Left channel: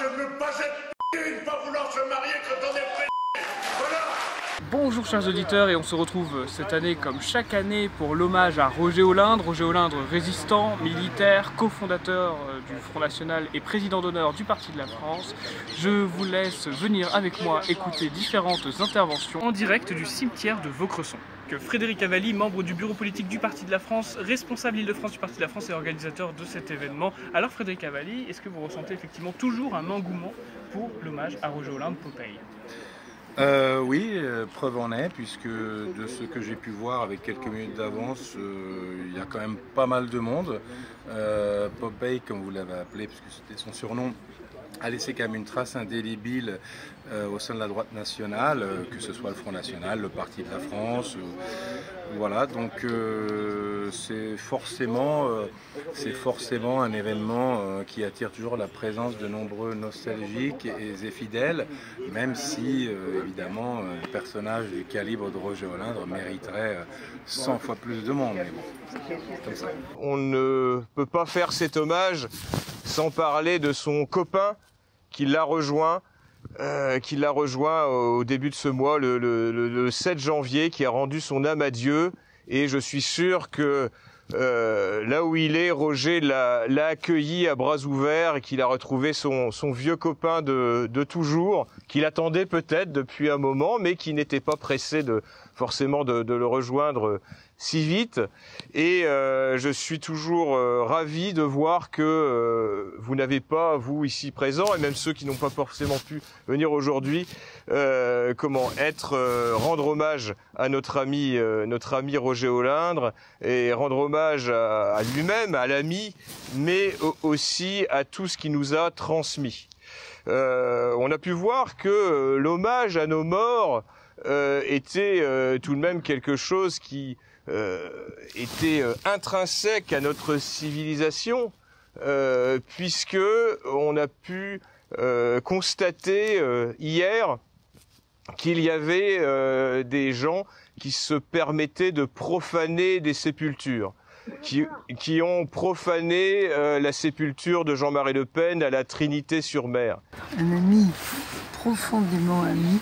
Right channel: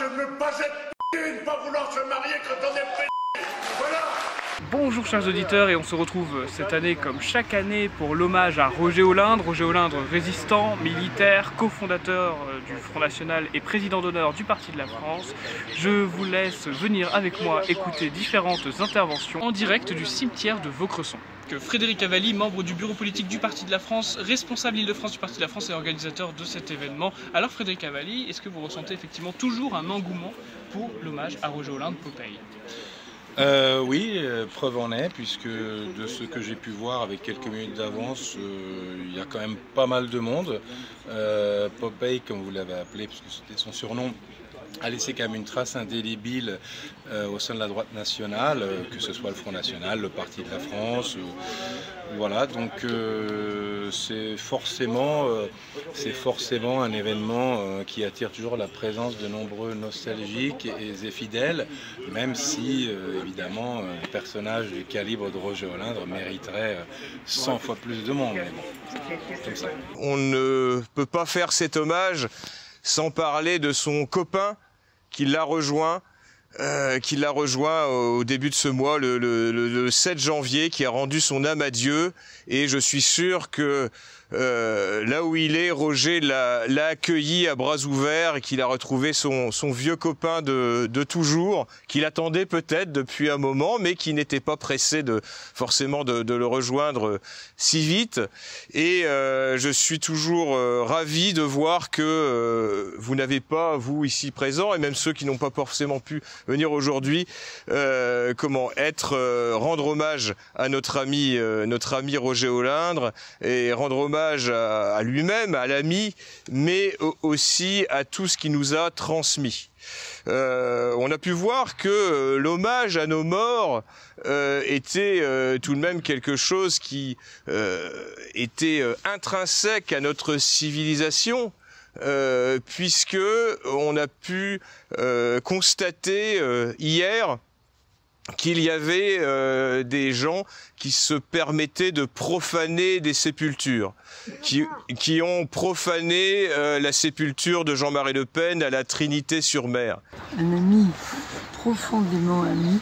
je me passais de pas vouloir se marier quand on est pris. Voilà. Bonjour chers auditeurs, et on se retrouve cette année comme chaque année pour l'hommage à Roger Olindre. Roger Olindre, résistant, militaire, cofondateur du Front National et président d'honneur du Parti de la France. Je vous laisse venir avec moi écouter différentes interventions en direct du cimetière de Vaucresson. Frédéric Cavalli, membre du bureau politique du Parti de la France, responsable Île-de-France du Parti de la France et organisateur de cet événement. Alors Frédéric Cavalli, est-ce que vous ressentez effectivement toujours un engouement pour l'hommage à Roger Olindre Popeye ? Oui, preuve en est, puisque de ce que j'ai pu voir avec quelques minutes d'avance, il y a quand même pas mal de monde. Popeye, comme vous l'avez appelé, puisque c'était son surnom, a laissé quand même une trace indélébile au sein de la droite nationale, que ce soit le Front National, le Parti de la France. Voilà, donc c'est forcément un événement qui attire toujours la présence de nombreux nostalgiques et fidèles, même si évidemment un personnage du calibre de Roger Olindre mériterait 100 fois plus de monde. Mais bon, c'est comme ça. On ne peut pas faire cet hommage sans parler de son copain qui l'a rejoint. Au début de ce mois, le 7 janvier, qui a rendu son âme à Dieu. Et je suis sûr que là où il est, Roger l'a accueilli à bras ouverts et qu'il a retrouvé son vieux copain de toujours, qu'il attendait peut-être depuis un moment, mais qui n'était pas pressé forcément de le rejoindre si vite. Et je suis toujours ravi de voir que vous n'avez pas, vous ici présents, et même ceux qui n'ont pas forcément pu venir aujourd'hui, rendre hommage à notre ami Roger Olindre, et rendre hommage à lui-même, à l'ami, mais aussi à tout ce qu'il nous a transmis. On a pu voir que l'hommage à nos morts était tout de même quelque chose qui était intrinsèque à notre civilisation, puisque on a pu constater hier qu'il y avait des gens qui se permettaient de profaner des sépultures, qui ont profané la sépulture de Jean-Marie Le Pen à la Trinité-sur-Mer. Un ami, profondément ami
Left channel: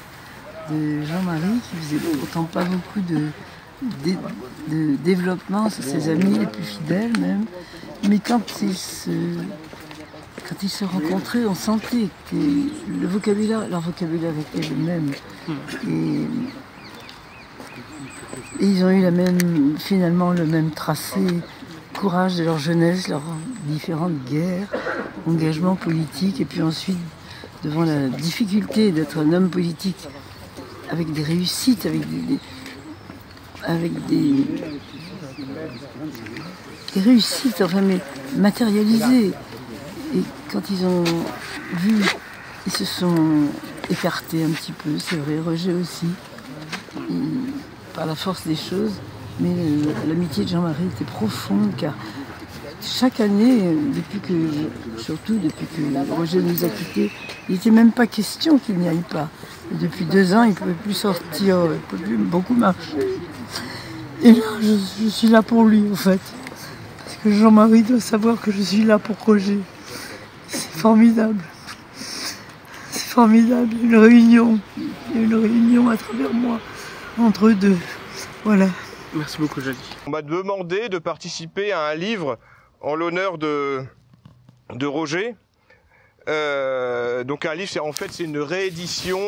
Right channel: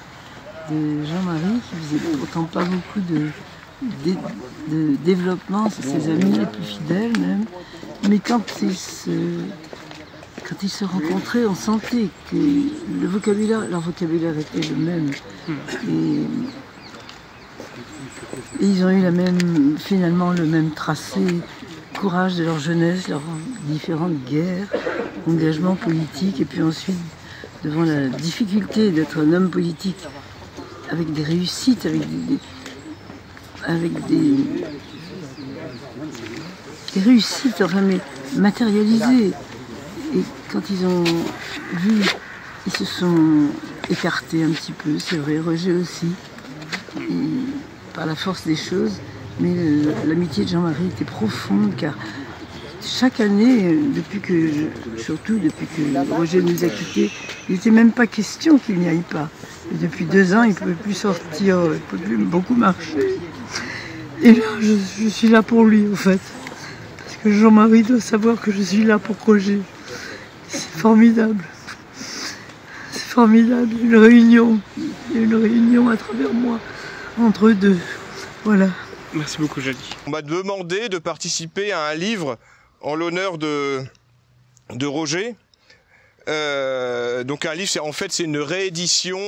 de Jean-Marie, qui faisait pourtant pas beaucoup de développement sur ses amis les plus fidèles même, mais quand ils se rencontraient, on sentait que leur vocabulaire était le même. Et ils ont eu finalement le même tracé, courage de leur jeunesse, leurs différentes guerres, engagement politique, et puis ensuite, devant la difficulté d'être un homme politique, avec des réussites, avec des réussites, enfin, mais matérialisées. Et quand ils ont vu, ils se sont écartés un petit peu, c'est vrai, Roger aussi, par la force des choses, mais l'amitié de Jean-Marie était profonde, car chaque année, surtout depuis que Roger nous a quittés, il n'était même pas question qu'il n'y aille pas. Et depuis 2 ans, il ne pouvait plus sortir, il ne pouvait plus beaucoup marcher. Et là, je suis là pour lui, en fait. Parce que Jean-Marie doit savoir que je suis là pour Roger. C'est formidable. C'est formidable. Une réunion à travers moi, entre eux deux. Voilà. Merci beaucoup, Jolie. On m'a demandé de participer à un livre en l'honneur de Roger. Donc un livre, c'est une réédition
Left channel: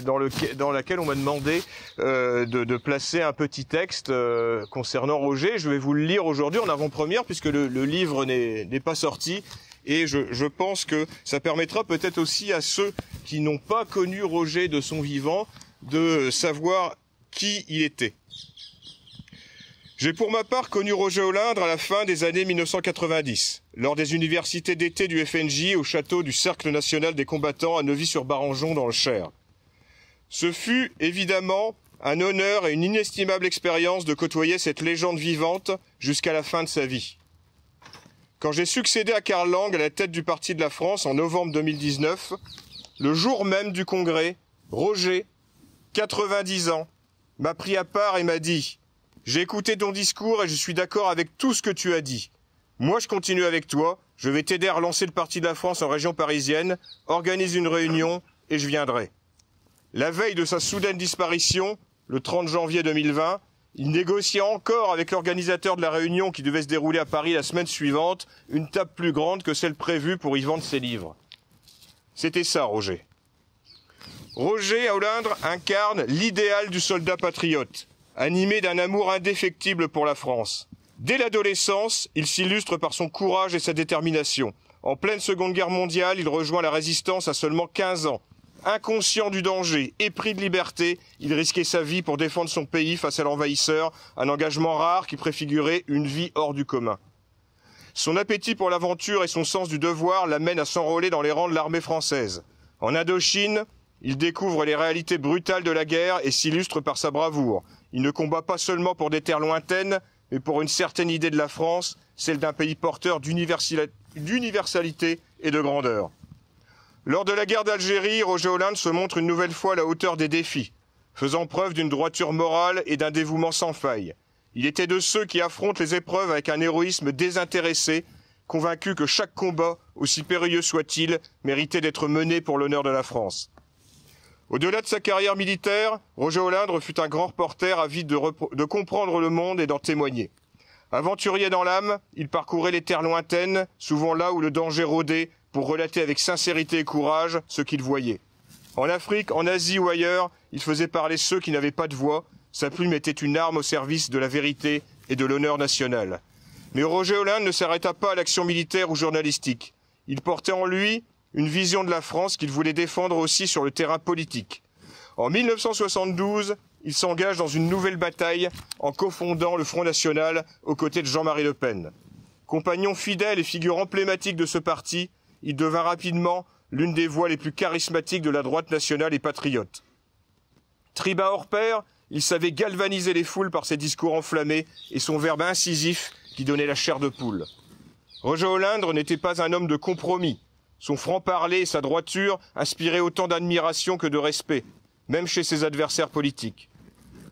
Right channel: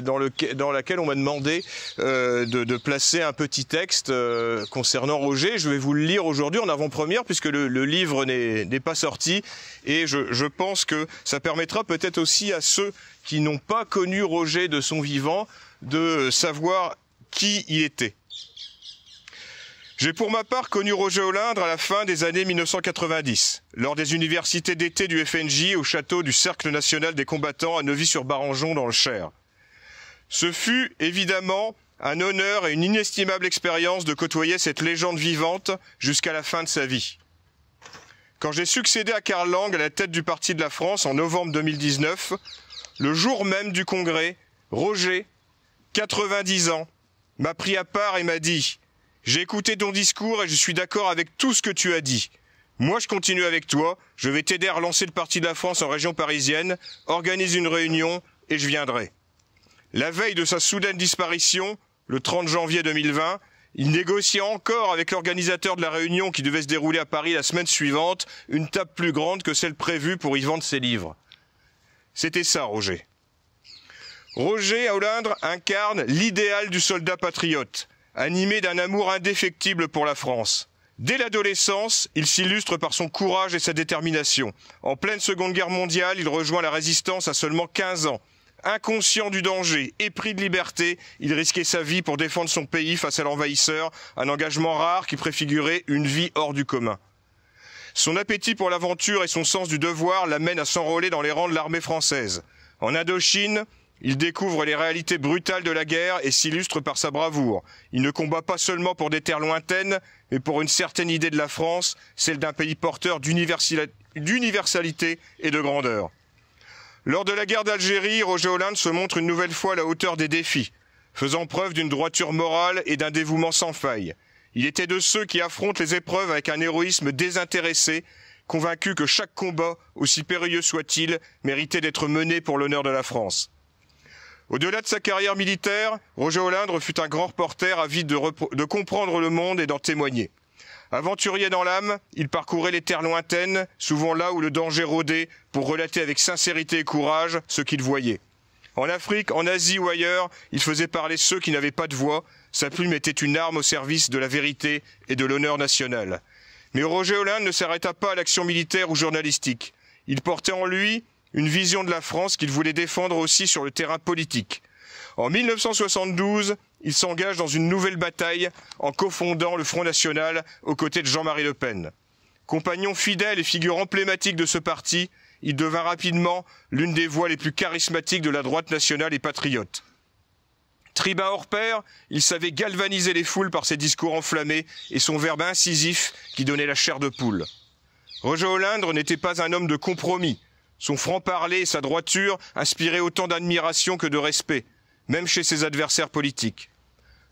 dans laquelle on m'a demandé de placer un petit texte concernant Roger. Je vais vous le lire aujourd'hui en avant-première, puisque le livre n'est pas sorti, et je pense que ça permettra peut-être aussi à ceux qui n'ont pas connu Roger de son vivant de savoir qui il était. J'ai pour ma part connu Roger Olindre à la fin des années 1990, lors des universités d'été du FNJ au château du Cercle National des Combattants à Neuvy-sur-Barangeon dans le Cher. Ce fut évidemment un honneur et une inestimable expérience de côtoyer cette légende vivante jusqu'à la fin de sa vie. Quand j'ai succédé à Karl Lang à la tête du Parti de la France en novembre 2019, le jour même du congrès, Roger, 90 ans, m'a pris à part et m'a dit « J'ai écouté ton discours et je suis d'accord avec tout ce que tu as dit. Moi, je continue avec toi, je vais t'aider à relancer le Parti de la France en région parisienne, organise une réunion et je viendrai. » La veille de sa soudaine disparition, le 30 janvier 2020, il négociait encore avec l'organisateur de la réunion qui devait se dérouler à Paris la semaine suivante, une table plus grande que celle prévue pour y vendre ses livres. C'était ça, Roger. Roger Olindre incarne l'idéal du soldat patriote, animé d'un amour indéfectible pour la France. Dès l'adolescence, il s'illustre par son courage et sa détermination. En pleine Seconde Guerre mondiale, il rejoint la résistance à seulement 15 ans. Inconscient du danger, épris de liberté, il risquait sa vie pour défendre son pays face à l'envahisseur, un engagement rare qui préfigurait une vie hors du commun. Son appétit pour l'aventure et son sens du devoir l'amènent à s'enrôler dans les rangs de l'armée française. En Indochine, il découvre les réalités brutales de la guerre et s'illustre par sa bravoure. Il ne combat pas seulement pour des terres lointaines, mais pour une certaine idée de la France, celle d'un pays porteur d'universalité et de grandeur. Lors de la guerre d'Algérie, Roger Olindre se montre une nouvelle fois à la hauteur des défis, faisant preuve d'une droiture morale et d'un dévouement sans faille. Il était de ceux qui affrontent les épreuves avec un héroïsme désintéressé, convaincu que chaque combat, aussi périlleux soit-il, méritait d'être mené pour l'honneur de la France. Au-delà de sa carrière militaire, Roger Olindre fut un grand reporter avide de comprendre le monde et d'en témoigner. Aventurier dans l'âme, il parcourait les terres lointaines, souvent là où le danger rôdait, pour relater avec sincérité et courage ce qu'il voyait. En Afrique, en Asie ou ailleurs, il faisait parler ceux qui n'avaient pas de voix. Sa plume était une arme au service de la vérité et de l'honneur national. Mais Roger Olindre ne s'arrêta pas à l'action militaire ou journalistique. Il portait en lui une vision de la France qu'il voulait défendre aussi sur le terrain politique. En 1972, il s'engage dans une nouvelle bataille en cofondant le Front National aux côtés de Jean-Marie Le Pen. Compagnon fidèle et figure emblématique de ce parti, il devint rapidement l'une des voix les plus charismatiques de la droite nationale et patriote. Tribun hors pair, il savait galvaniser les foules par ses discours enflammés et son verbe incisif qui donnait la chair de poule. Roger Olindre n'était pas un homme de compromis. Son franc-parler et sa droiture inspiraient autant d'admiration que de respect, même chez ses adversaires politiques.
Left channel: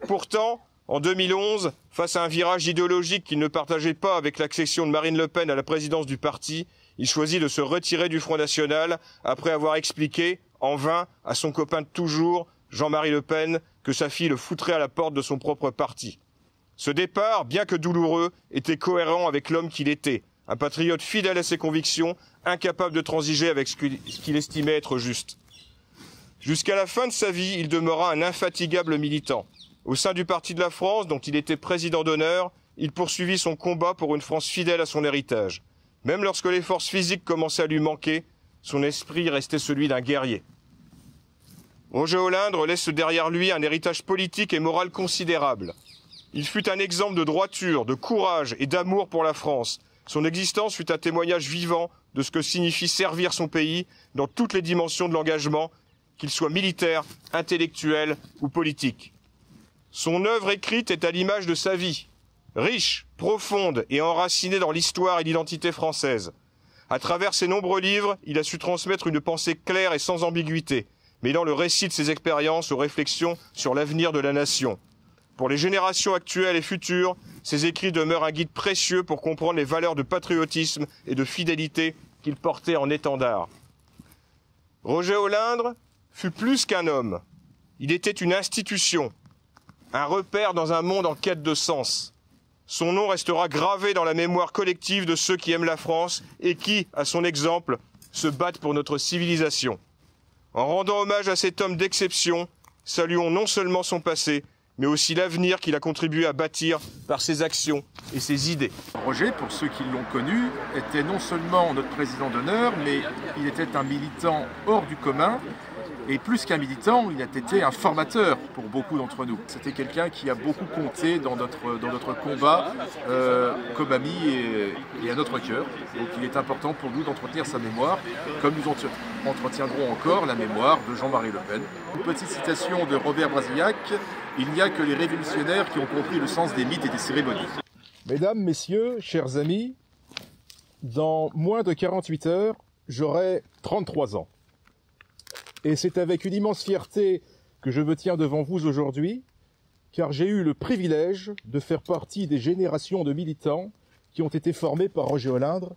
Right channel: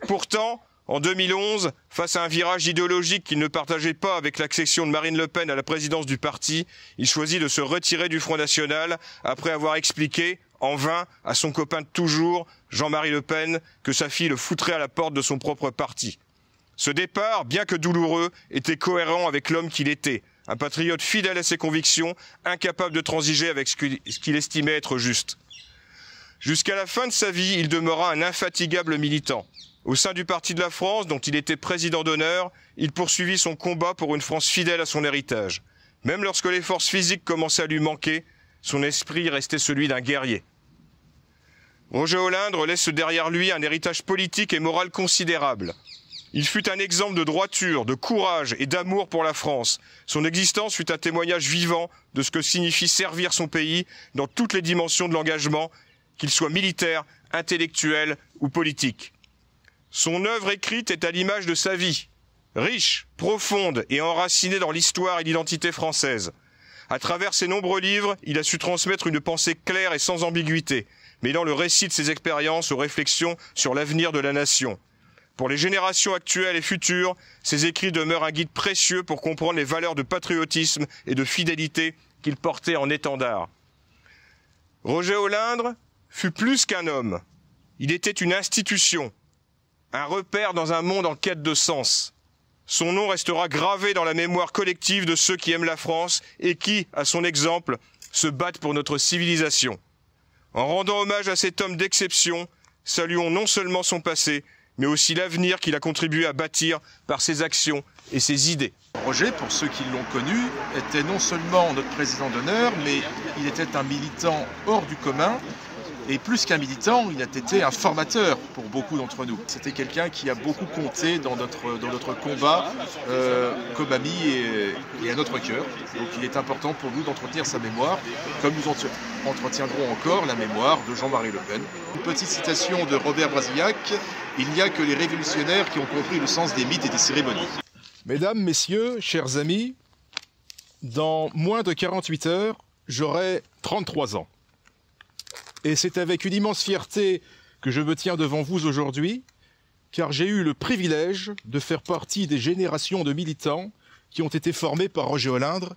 Pourtant, en 2011, face à un virage idéologique qu'il ne partageait pas avec l'accession de Marine Le Pen à la présidence du parti, il choisit de se retirer du Front National après avoir expliqué, en vain, à son copain de toujours, Jean-Marie Le Pen, que sa fille le foutrait à la porte de son propre parti. Ce départ, bien que douloureux, était cohérent avec l'homme qu'il était, un patriote fidèle à ses convictions, incapable de transiger avec ce qu'il estimait être juste. Jusqu'à la fin de sa vie, il demeura un infatigable militant. Au sein du Parti de la France, dont il était président d'honneur, il poursuivit son combat pour une France fidèle à son héritage. Même lorsque les forces physiques commençaient à lui manquer, son esprit restait celui d'un guerrier. Roger Olindre laisse derrière lui un héritage politique et moral considérable. Il fut un exemple de droiture, de courage et d'amour pour la France. Son existence fut un témoignage vivant de ce que signifie servir son pays dans toutes les dimensions de l'engagement, qu'il soit militaire, intellectuel ou politique. Son œuvre écrite est à l'image de sa vie, riche, profonde et enracinée dans l'histoire et l'identité française. À travers ses nombreux livres, il a su transmettre une pensée claire et sans ambiguïté, mêlant le récit de ses expériences aux réflexions sur l'avenir de la nation. Pour les générations actuelles et futures, ses écrits demeurent un guide précieux pour comprendre les valeurs de patriotisme et de fidélité qu'il portait en étendard. Roger Olindre fut plus qu'un homme. Il était une institution, un repère dans un monde en quête de sens. Son nom restera gravé dans la mémoire collective de ceux qui aiment la France et qui, à son exemple, se battent pour notre civilisation. En rendant hommage à cet homme d'exception, saluons non seulement son passé, mais aussi l'avenir qu'il a contribué à bâtir par ses actions et ses idées. Roger, pour ceux qui l'ont connu, était non seulement notre président d'honneur, mais il était un militant hors du commun. Et plus qu'un militant, il a été un formateur pour beaucoup d'entre nous. C'était quelqu'un qui a beaucoup compté dans notre combat comme ami et à notre cœur. Donc il est important pour nous d'entretenir sa mémoire, comme nous entretiendrons encore la mémoire de Jean-Marie Le Pen. Une petite citation de Robert Brasillac, « Il n'y a que les révolutionnaires qui ont compris le sens des mythes et des cérémonies ». Mesdames, messieurs, chers amis, dans moins de 48 heures, j'aurai 33 ans. Et c'est avec une immense fierté que je me tiens devant vous aujourd'hui, car j'ai eu le privilège de faire partie des générations de militants qui ont été formés par Roger Olindre,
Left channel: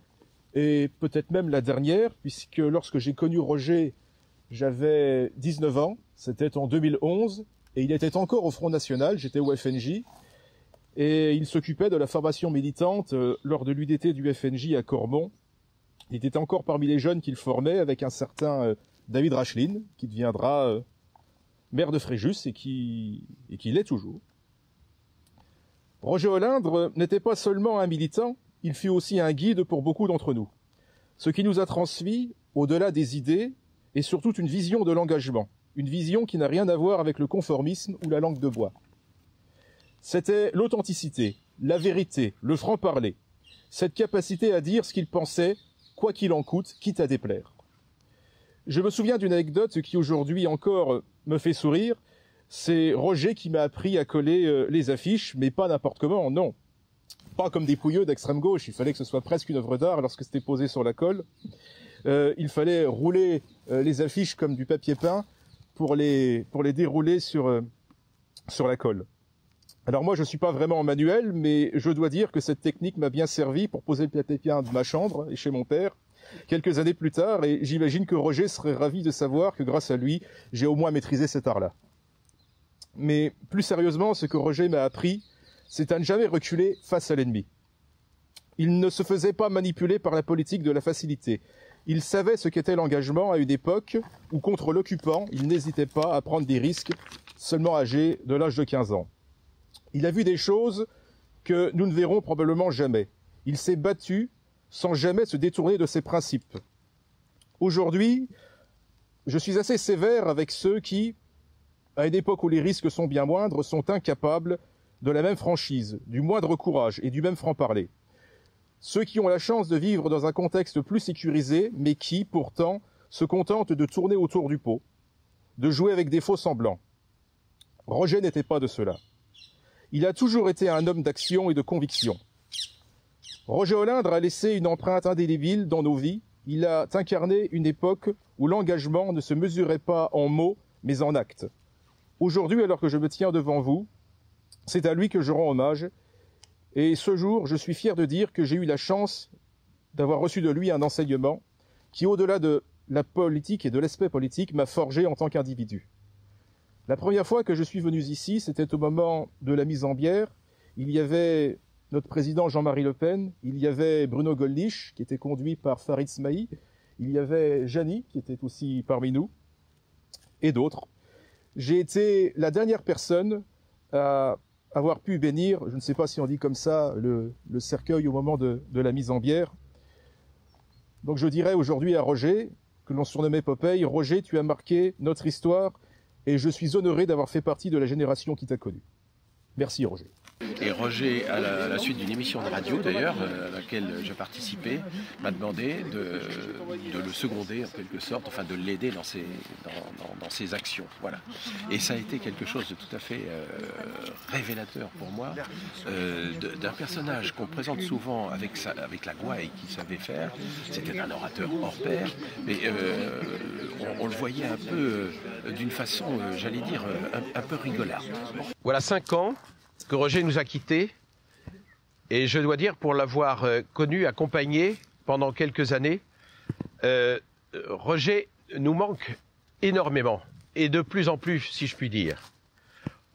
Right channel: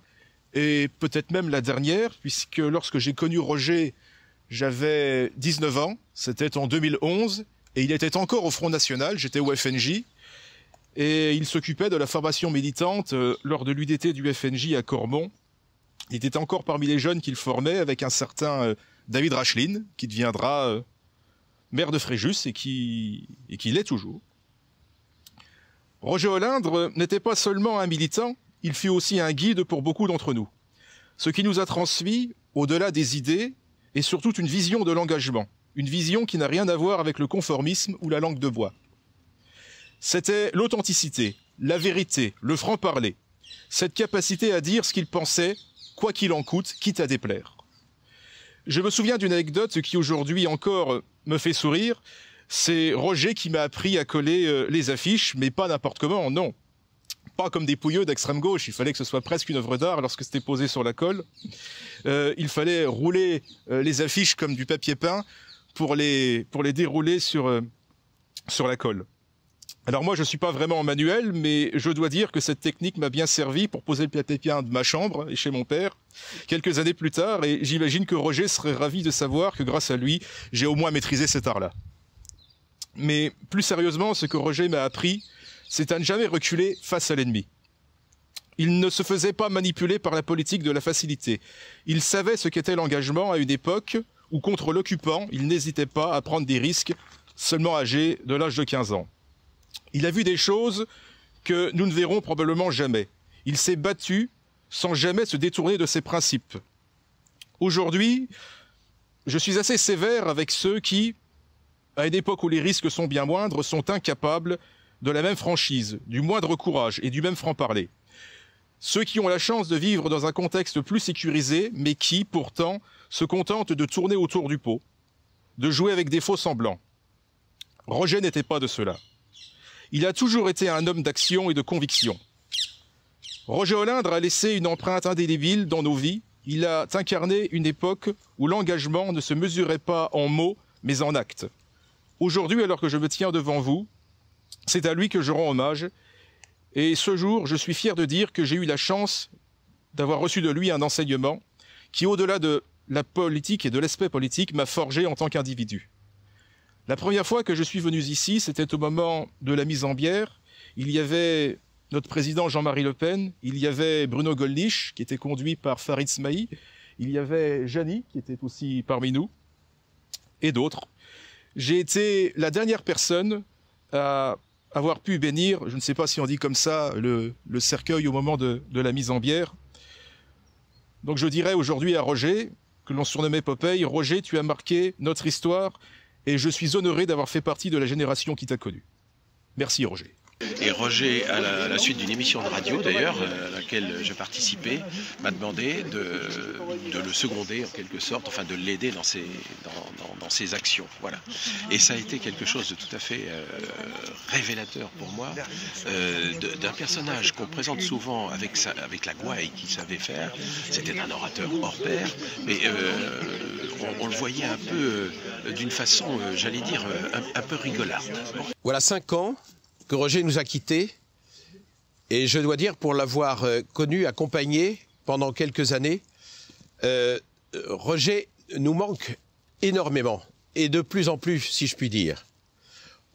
et peut-être même la dernière, puisque lorsque j'ai connu Roger, j'avais 19 ans, c'était en 2011, et il était encore au Front National, j'étais au FNJ, et il s'occupait de la formation militante lors de l'UDT du FNJ à Cormont. Il était encore parmi les jeunes qu'il formait avec un certain David Rachlin, qui deviendra maire de Fréjus et qui l'est toujours. Roger Olindre n'était pas seulement un militant, il fut aussi un guide pour beaucoup d'entre nous. Ce qui nous a transmis, au-delà des idées, est surtout une vision de l'engagement, une vision qui n'a rien à voir avec le conformisme ou la langue de bois. C'était l'authenticité, la vérité, le franc-parler, cette capacité à dire ce qu'il pensait, quoi qu'il en coûte, quitte à déplaire. Je me souviens d'une anecdote qui aujourd'hui encore me fait sourire, c'est Roger qui m'a appris à coller les affiches, mais pas n'importe comment, non. Pas comme des pouilleux d'extrême gauche, il fallait que ce soit presque une œuvre d'art lorsque c'était posé sur la colle. Il fallait rouler les affiches comme du papier peint pour les dérouler sur la colle. Alors moi je ne suis pas vraiment manuel, mais je dois dire que cette technique m'a bien servi pour poser le papier peint de ma chambre et chez mon père, quelques années plus tard, et j'imagine que Roger serait ravi de savoir que grâce à lui, j'ai au moins maîtrisé cet art-là. Mais plus sérieusement, ce que Roger m'a appris, c'est à ne jamais reculer face à l'ennemi. Il ne se faisait pas manipuler par la politique de la facilité. Il savait ce qu'était l'engagement à une époque où, contre l'occupant, il n'hésitait pas à prendre des risques, seulement âgé de l'âge de 15 ans. Il a vu des choses que nous ne verrons probablement jamais. Il s'est battu sans jamais se détourner de ses principes. Aujourd'hui, je suis assez sévère avec ceux qui, à une époque où les risques sont bien moindres, sont incapables de la même franchise, du moindre courage et du même franc-parler. Ceux qui ont la chance de vivre dans un contexte plus sécurisé, mais qui, pourtant, se contentent de tourner autour du pot, de jouer avec des faux semblants. Roger n'était pas de cela. Il a toujours été un homme d'action et de conviction. Roger Olindre a laissé une empreinte indélébile dans nos vies. Il a incarné une époque où l'engagement ne se mesurait pas en mots, mais en actes. Aujourd'hui, alors que je me tiens devant vous, c'est à lui que je rends hommage. Et ce jour, je suis fier de dire que j'ai eu la chance d'avoir reçu de lui un enseignement qui, au-delà de la politique et de l'aspect politique, m'a forgé en tant qu'individu. La première fois que je suis venu ici, c'était au moment de la mise en bière. Il y avait notre président Jean-Marie Le Pen, il y avait Bruno Gollnisch, qui était conduit par Farid Smaï, il y avait Jani, qui était aussi parmi nous, et d'autres. J'ai été la dernière personne à avoir pu bénir, je ne sais pas si on dit comme ça, le cercueil au moment de la mise en bière. Donc je dirais aujourd'hui à Roger, que l'on surnommait Popeye, Roger, tu as marqué notre histoire et je suis honoré d'avoir fait partie de la génération qui t'a connu. Merci Roger. Et Roger, à la suite d'une émission de radio d'ailleurs, à laquelle je participais, m'a demandé de le seconder en quelque sorte, enfin de l'aider dans ses actions. Voilà. Et ça a été quelque chose de tout à fait révélateur pour moi, d'un personnage qu'on présente souvent avec la gouaille qu'il savait faire. C'était un orateur hors pair, mais on le voyait un peu d'une façon, j'allais dire, un peu rigolard. Bon. Voilà 5 ans que Roger nous a quittés, et je dois dire, pour l'avoir connu, accompagné pendant quelques années, Roger nous manque énormément, et de plus en plus, si je puis dire.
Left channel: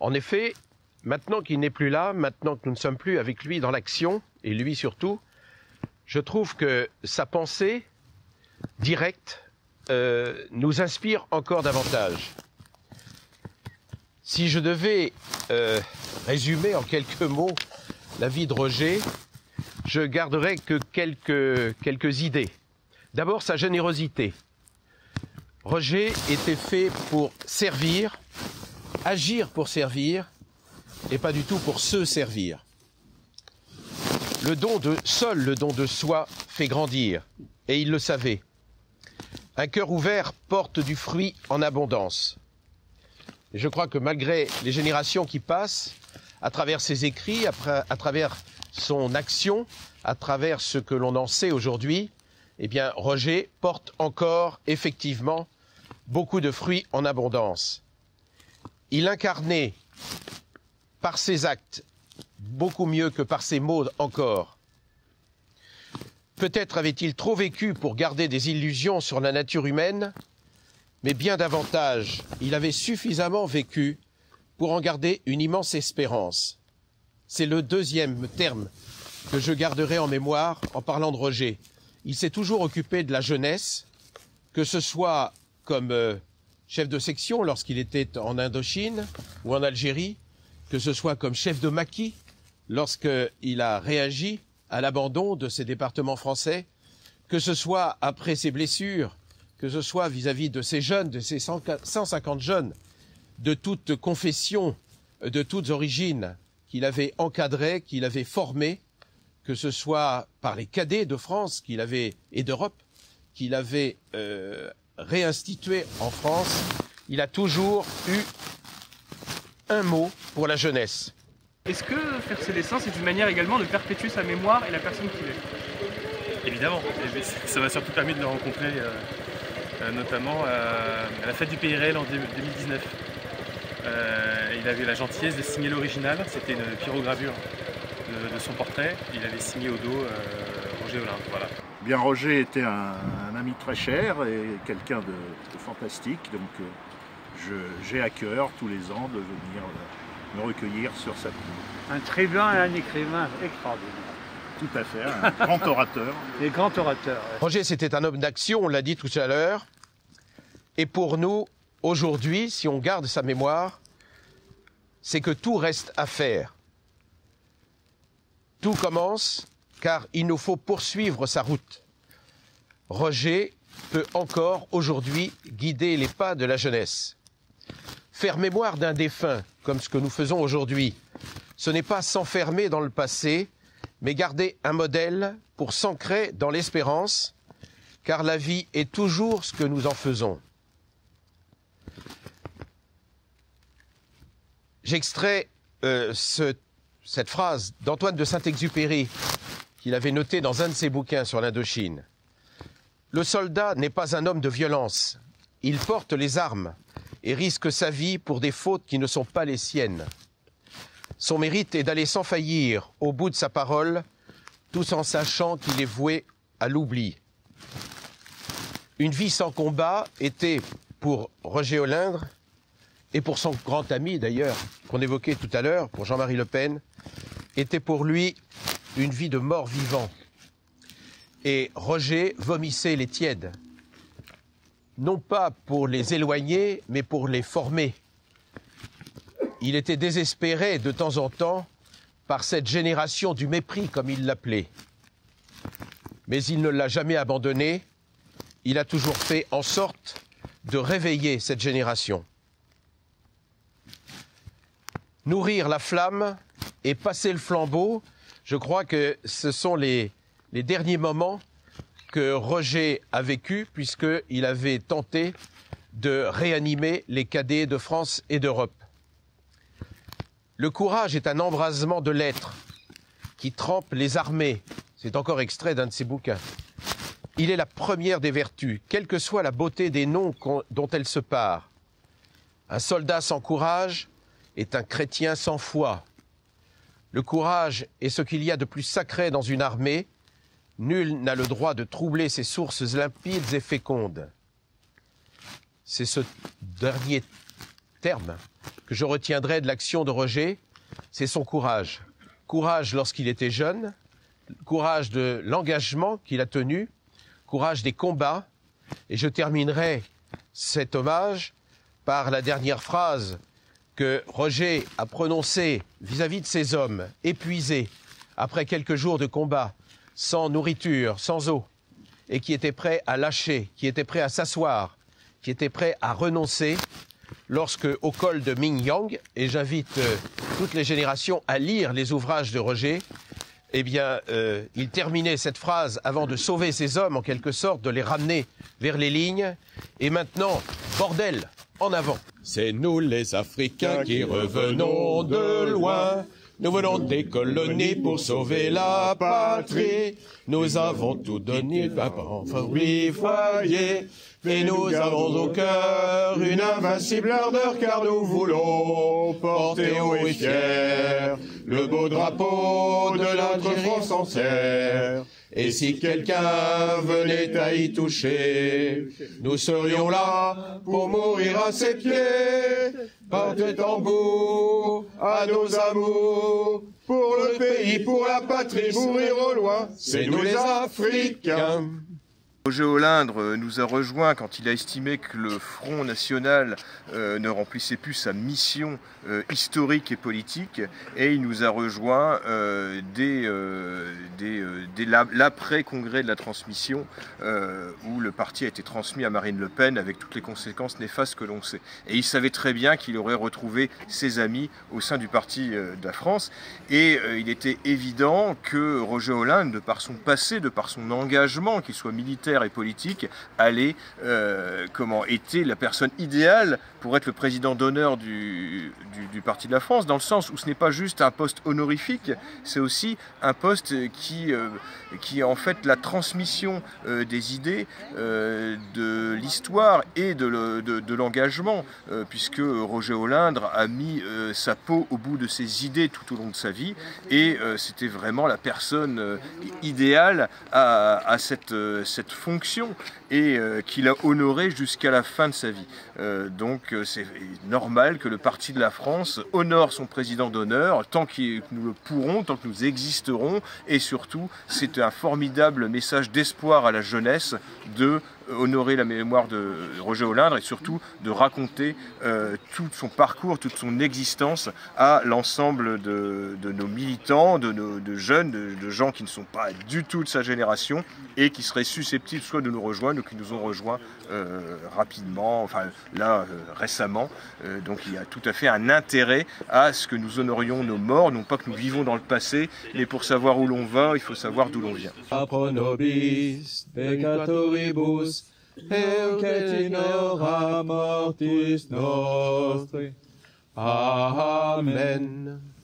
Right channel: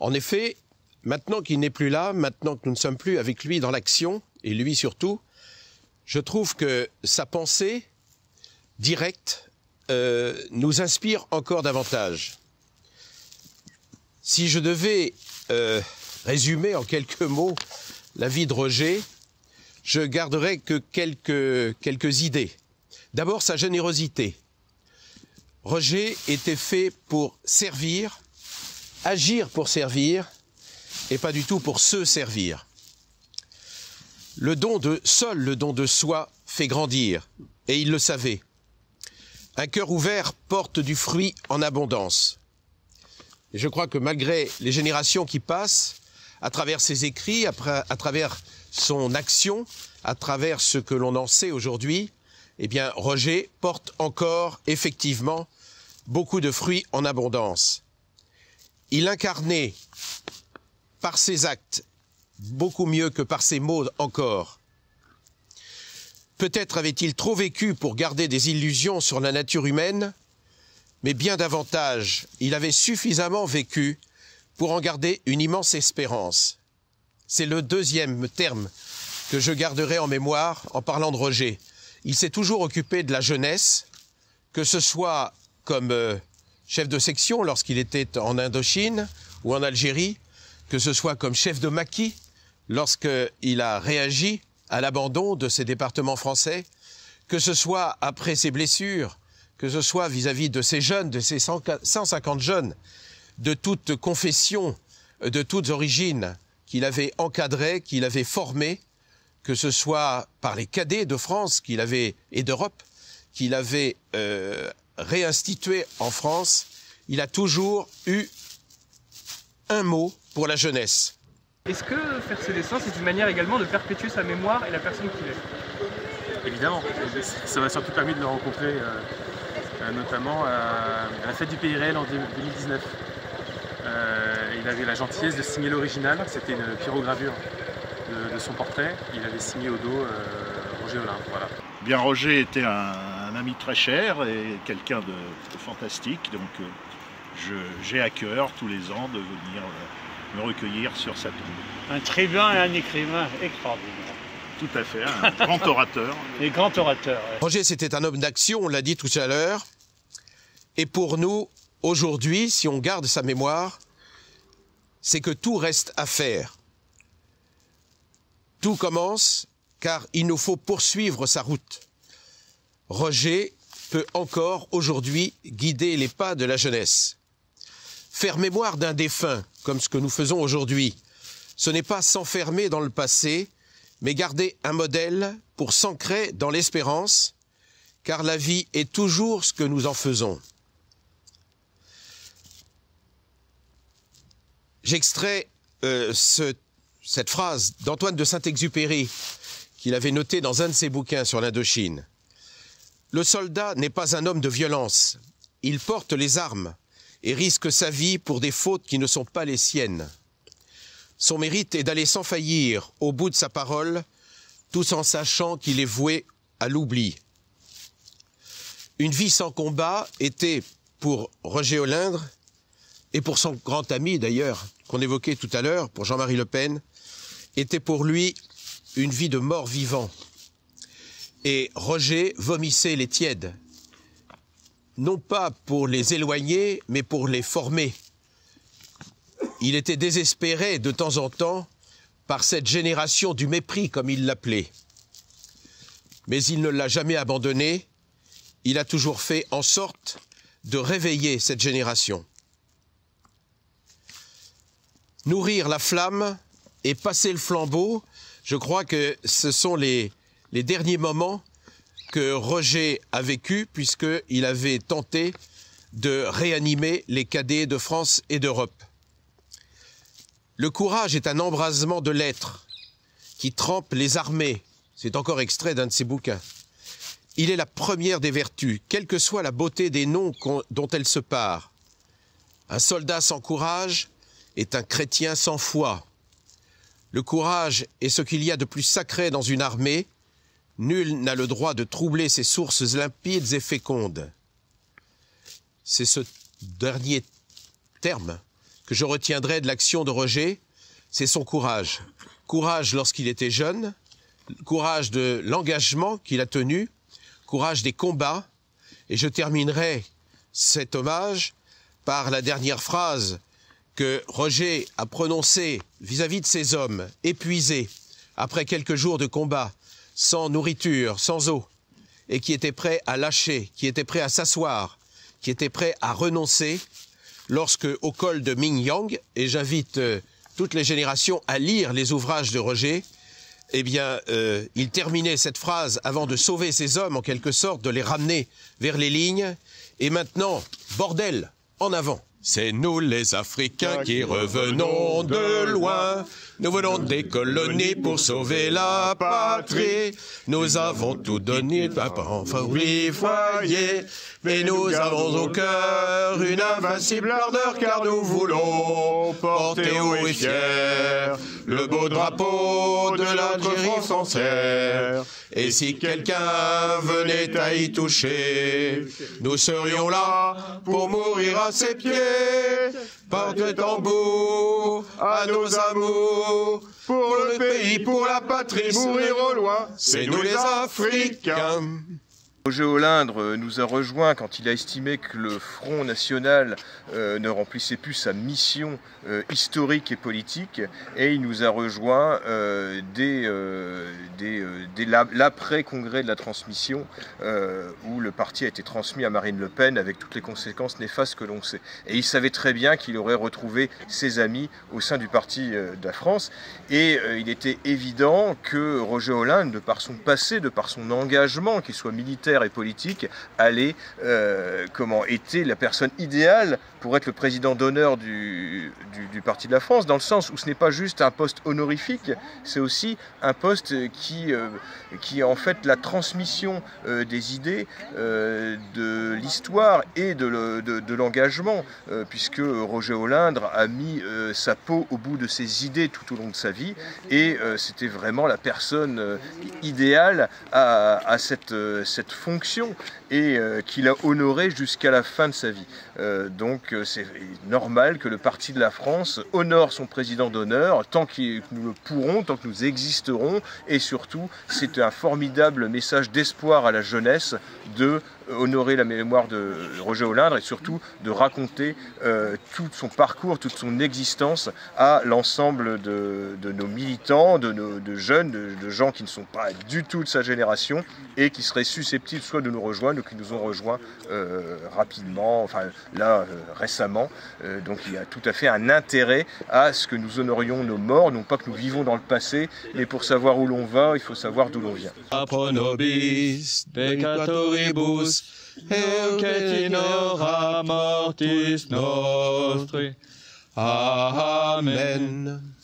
En effet, maintenant qu'il n'est plus là, maintenant que nous ne sommes plus avec lui dans l'action, et lui surtout, je trouve que sa pensée directe nous inspire encore davantage. Si je devais résumer en quelques mots la vie de Roger, je garderai que quelques idées. D'abord, sa générosité. Roger était fait pour servir, agir pour servir, et pas du tout pour se servir. Seul le don de soi fait grandir, et il le savait. Un cœur ouvert porte du fruit en abondance. Et je crois que malgré les générations qui passent, à travers ses écrits, à travers son action, à travers ce que l'on en sait aujourd'hui, eh bien, Roger porte encore, effectivement, beaucoup de fruits en abondance. Il incarnait, par ses actes, beaucoup mieux que par ses mots encore, Peut-être avait-il trop vécu pour garder des illusions sur la nature humaine, mais bien davantage, il avait suffisamment vécu pour en garder une immense espérance. C'est le deuxième terme que je garderai en mémoire en parlant de Roger. Il s'est toujours occupé de la jeunesse, que ce soit comme chef de section lorsqu'il était en Indochine ou en Algérie, que ce soit comme chef de maquis lorsqu'il a réagi à l'abandon de ces départements français, que ce soit après ses blessures, que ce soit vis-à-vis de ces jeunes, de ces 150 jeunes, de toutes confessions, de toutes origines, qu'il avait encadrés, qu'il avait formés, que ce soit par les cadets de France qu'il avait, et d'Europe, qu'il avait réinstitué en France, il a toujours eu un mot pour la jeunesse. Est-ce que faire ses dessins, c'est une manière également de perpétuer sa mémoire et la personne qu'il est? Évidemment, ça m'a surtout permis de le rencontrer, notamment à la fête du Pays Réel en 2019. Il avait la gentillesse de signer l'original, c'était une pyrogravure de son portrait. Il avait signé au dos Roger Olindre, voilà. Bien, Roger était un ami très cher et quelqu'un de fantastique, donc j'ai à cœur tous les ans de venir me recueillir sur sa tombe. Un tribun et un écrivain extraordinaire. Tout à fait, un grand orateur. Et grand orateur. Ouais. Roger, c'était un homme d'action, on l'a dit tout à l'heure. Et pour nous, aujourd'hui, si on garde sa mémoire, c'est que tout reste à faire. Tout commence, car il nous faut poursuivre sa route. Roger peut encore aujourd'hui guider les pas de la jeunesse. Faire mémoire d'un défunt, comme ce que nous faisons aujourd'hui, ce n'est pas s'enfermer dans le passé, mais garder un modèle pour s'ancrer dans l'espérance, car la vie est toujours ce que nous en faisons. J'extrais cette phrase d'Antoine de Saint-Exupéry, qu'il avait notée dans un de ses bouquins sur l'Indochine. « Le soldat n'est pas un homme de violence. Il porte les armes et risque sa vie pour des fautes qui ne sont pas les siennes. Son mérite est d'aller sans faillir au bout de sa parole, tout en sachant qu'il est voué à l'oubli. » Une vie sans combat était pour Roger Olindre, et pour son grand ami d'ailleurs, qu'on évoquait tout à l'heure, pour Jean-Marie Le Pen, était pour lui une vie de mort-vivant. Et Roger vomissait les tièdes, non pas pour les éloigner, mais pour les former. Il était désespéré de temps en temps par cette génération du mépris, comme il l'appelait. Mais il ne l'a jamais abandonné, il a toujours fait en sorte de réveiller cette génération. Nourrir la flamme et passer le flambeau, je crois que ce sont les derniers moments que Roger a vécu, puisqu'il avait tenté de réanimer les cadets de France et d'Europe. Le courage est un embrasement de l'être qui trempe les armées. C'est encore extrait d'un de ses bouquins. Il est la première des vertus, quelle que soit la beauté des noms dont elle se pare. Un soldat sans courage est un chrétien sans foi. Le courage est ce qu'il y a de plus sacré dans une armée. Nul n'a le droit de troubler ses sources limpides et fécondes. C'est ce dernier terme que je retiendrai de l'action de Roger, c'est son courage. Courage lorsqu'il était jeune, courage de l'engagement qu'il a tenu, courage des combats, et je terminerai cet hommage par la dernière phrase que Roger a prononcée vis-à-vis de ces hommes épuisés après quelques jours de combat, sans nourriture, sans eau, et qui étaient prêts à lâcher, qui étaient prêts à s'asseoir, qui étaient prêts à renoncer, lorsque, au col de Mingyang, et j'invite toutes les générations à lire les ouvrages de Roger, eh bien, il terminait cette phrase avant de sauver ces hommes, en quelque sorte, de les ramener vers les lignes. Et maintenant, bordel, en avant. C'est nous les Africains qui revenons de loin. Nous venons des colonies pour sauver la patrie. Nous avons tout donné à foyer. Et nous avons au cœur une invincible ardeur, car nous voulons porter haut et fier le beau drapeau de l'Algérie française. Et si quelqu'un venait à y toucher, nous serions là pour mourir à ses pieds. Porte tambour à nos amours, pour le pays, pour la patrie, mourir au loin, c'est nous les Africains. Roger Olindre nous a rejoint quand il a estimé que le Front National ne remplissait plus sa mission historique et politique, et il nous a rejoint dès l'après-congrès de la transmission, où le parti a été transmis à Marine Le Pen avec toutes les conséquences néfastes que l'on sait. Et il savait très bien qu'il aurait retrouvé ses amis au sein du parti de la France, et il était évident que Roger Olindre, de par son passé, de par son engagement, qu'il soit militaire et politique, était la personne idéale pour être le président d'honneur du Parti de la France, dans le sens où ce n'est pas juste un poste honorifique, c'est aussi un poste qui est en fait la transmission des idées, de l'histoire et de l'engagement, puisque Roger Olindre a mis sa peau au bout de ses idées tout au long de sa vie, et c'était vraiment la personne idéale à cette fonction, et qu'il a honoré jusqu'à la fin de sa vie. Donc c'est normal que le Parti de la France honore son président d'honneur tant que nous le pourrons, tant que nous existerons, et surtout c'est un formidable message d'espoir à la jeunesse de honorer la mémoire de Roger Olindre, et surtout de raconter tout son parcours, toute son existence à l'ensemble de nos militants, de jeunes, de gens qui ne sont pas du tout de sa génération et qui seraient susceptibles soit de nous rejoindre ou qui nous ont rejoints rapidement, enfin là récemment. Donc il y a tout à fait un intérêt à ce que nous honorions nos morts, non pas que nous vivons dans le passé, mais pour savoir où l'on va, il faut savoir d'où l'on vient. Pro nobis peccatoribus, et et in hora mortis nostri. Amen.